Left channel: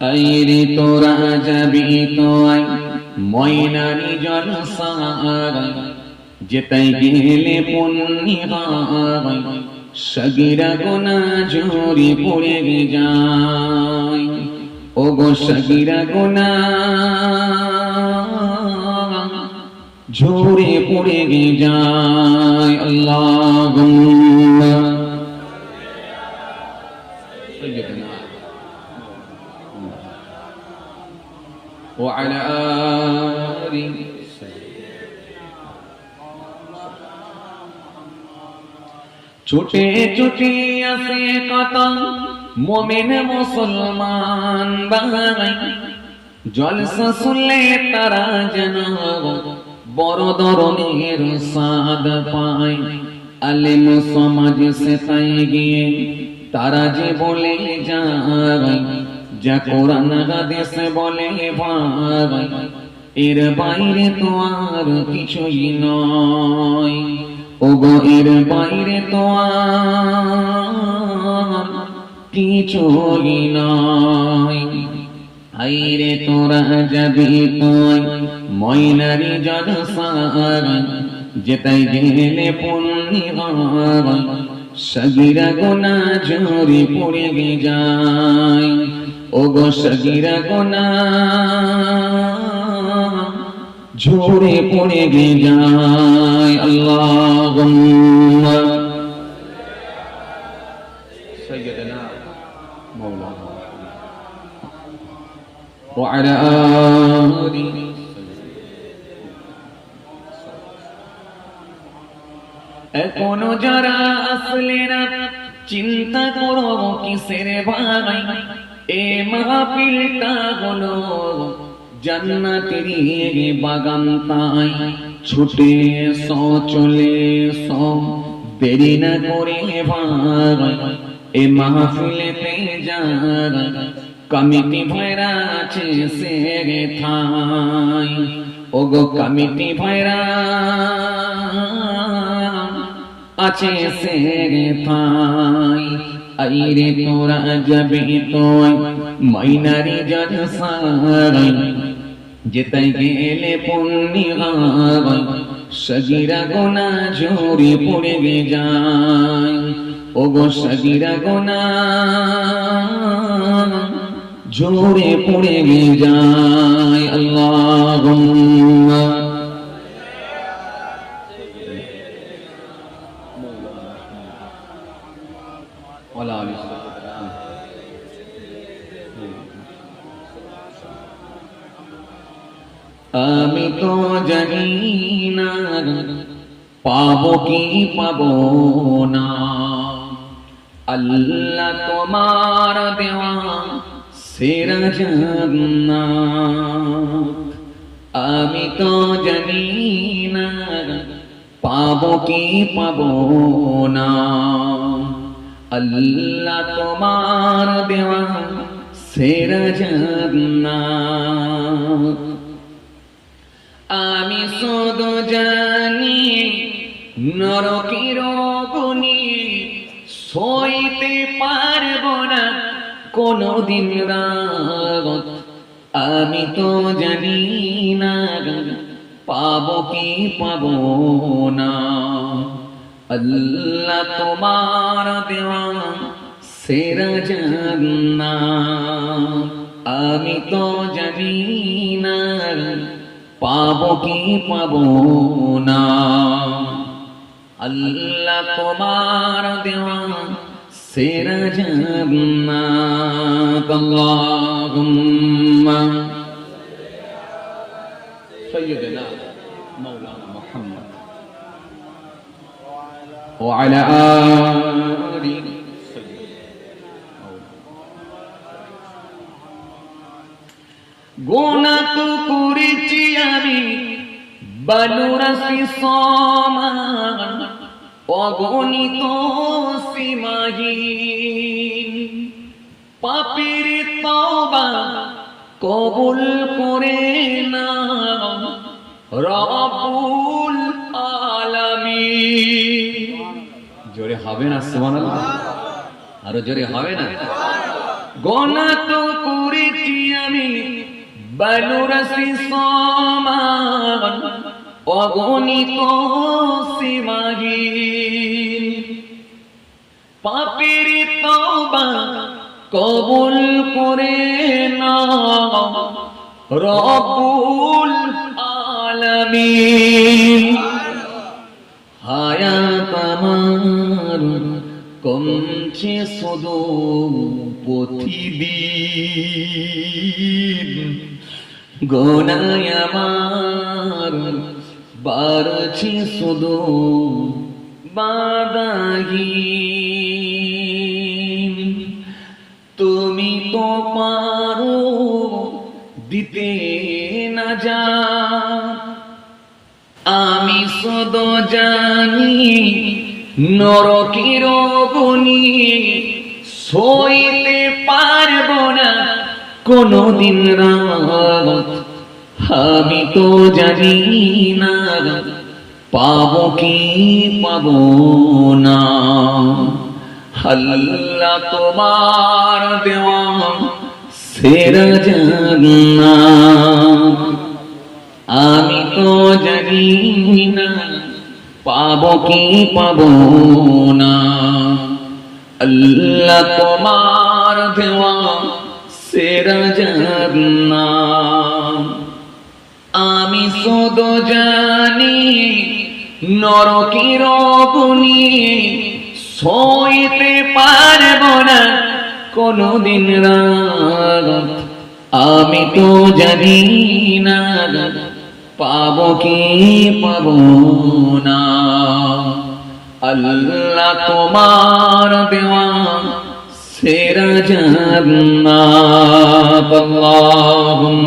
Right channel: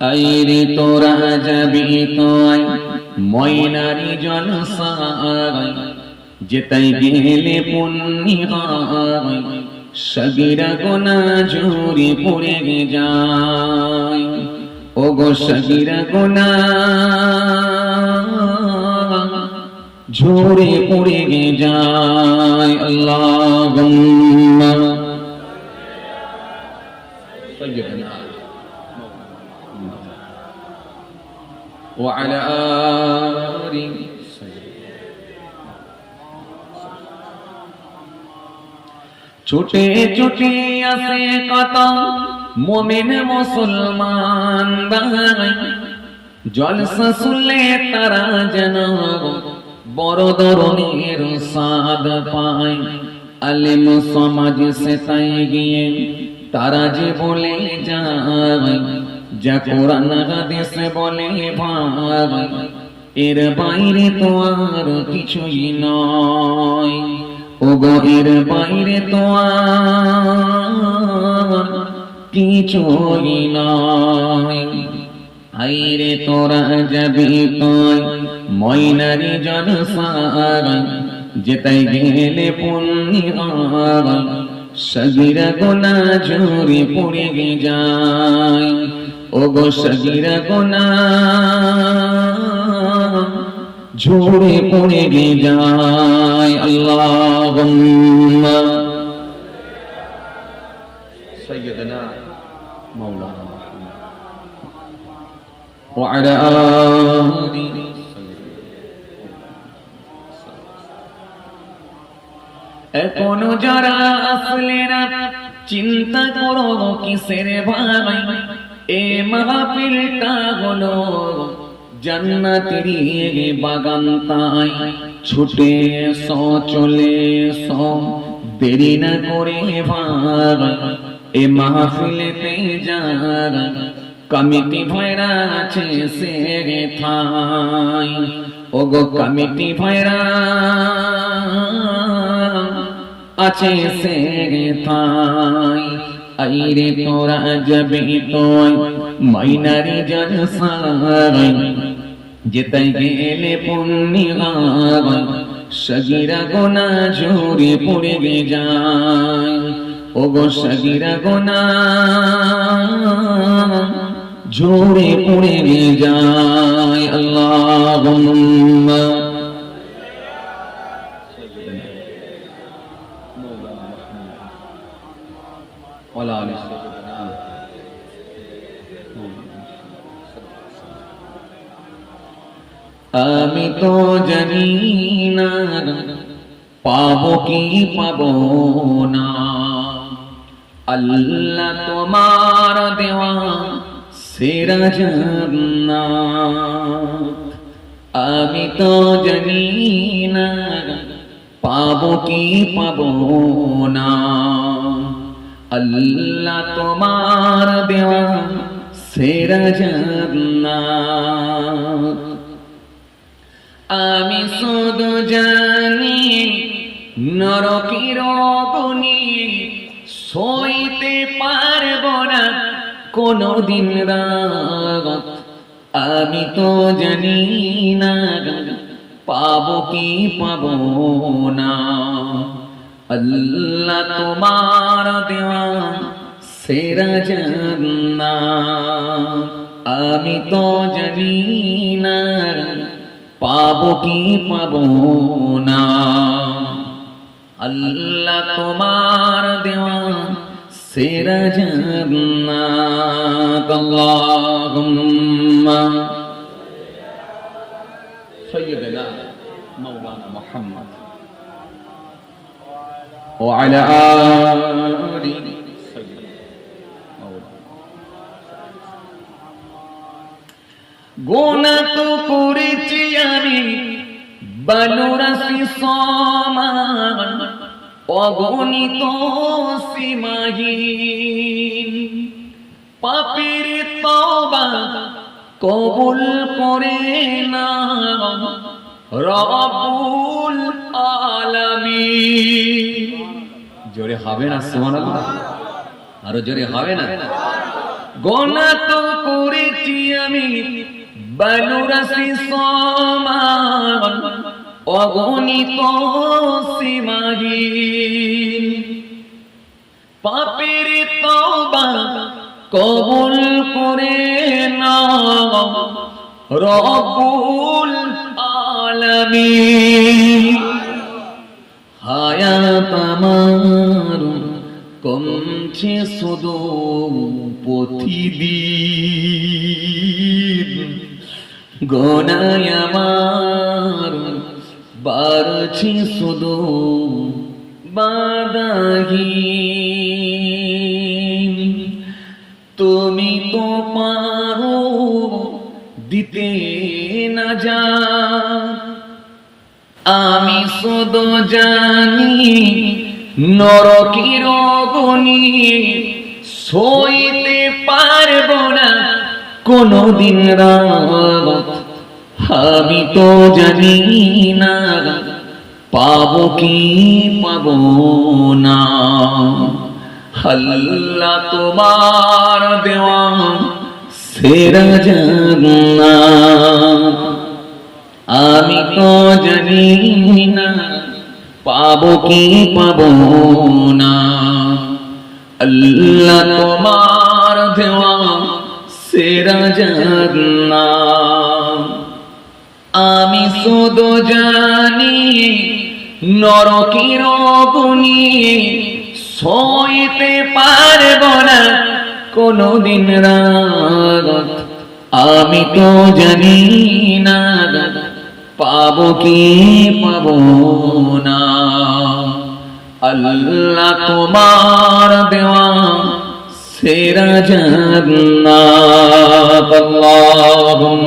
আইরে তোরা যাবি তোয় ময়নারি জলসায় যেতাই গেলে পুণ্যি হয় সগীরা গুনাহ ঝরে পড়ে যায় ও গো সগীরা গুনাহ ঝরে পড়ে যায় আল্লাহুম্মা সাইয়্যিদিনা ওয়া আলা আলি ছুটে ছুটে আসে কত মুমিন মুসলমান ভাই জলসা শুনলে তারা যেন বড় ধরনের সাদ পায় আলেম সমাজ সে তাই গিয়ে তারা যে বলে যায় যা কোরআন হাদিস বলে ভাই এর বাইরে তো আর কিছুই নয় ওগো এর বাইরে তো আর কিছুই নয় আইরে তোরা যাবি তোয় ময়নারি জলসায় যেতাই গেলে পুণ্যি হয় সগীরা গুনাহ ঝরে পড়ে যায় ওগো সগীরা গুনাহ ঝরে পড়ে যায় আল্লাহুম্মা সাইয়্যিদিনা মাওলানা ওয়া আলা আলি এখনো যারা আসলে না চিন্তা করো কিসের ভাই এ মাহফিলটা হলো জান্নাতেরই বাগান তাই ছুটে এসো চলে এসো দেরি না করে ভাই এ মাহফিলেতে যারা কমিটি ভাইরা আছে সে থাই ওগো কমিটি ভাইরা আছে সে থাই আইরে তোরা যাবি তোয় ময়নারি জলসায় যেতাই গেলে পুণ্যি হয় সগীরা গুনাহ ঝরে পড়ে যায় ওগো সগীরা গুনাহ ঝরে পড়ে যায় আল্লাহুম্মা ওয়ালা আলি আমি তো জানি না পাবো কি পাবো না আল্লাহ তোমার দেওয়া সেরা জান্নাত আমি তো জানি না পাবো কি পাবো না আল্লাহ তোমার দেওয়া সেরা জান্নাত আমি শুধু জানি নরকের অগ্নি সইতে পারবো না কোনদিন রাত আমি তো জানি না পাবো কি পাবো না আল্লাহ তোমার দেওয়া সেরা জান্নাত আমি তো জানি না পাবো কি পাবো না আল্লাহ তোমার দেওয়া সেরা জান্নাত আল্লাহুম্মা সাইয়্যিদিনা মাওলানা মুহাম্মদ ওয়া আলা আলি গুনাহ তো করেছি আমি বালুরাশি সমান অগণিত সীমাহীন পাপের তওবা কবুল করে না রব্বুল আলামিন জোরে হবে না সুবহানাল্লাহ আরো জোরে হবে না গুনাহ তো করেছি বনুরসি সমান অগণিত সীমাহীন, পাপের তওবা কবুল করে নাও রব্বুল আলামিন। হায়াত আমার কমছে শুধু প্রতিদিন, গুনাহ আমার বাড়ছে শুধু বাধাহীন। তুমি তো পারো দিতে না যা, আমি শুধু জানি নরকের অগ্নি সইতে পারবো না কোনদিন রাত। আমি তো জানি না পাবো কি পাবো না, আল্লাহ তোমার দেওয়া সেরা জান্নাত। আমি তো জানি না পাবো কি পাবো না, আল্লাহ তোমার দেওয়া সেরা জান্নাত। আমি শুধু জানি নরকের অগ্নি সইতে পারবো না কোনদিন রাত। আমি তো জানি না পাবো কি পাবো না, আল্লাহ তোমার দেওয়া সেরা জান্নাত। আল্লাহুম্মা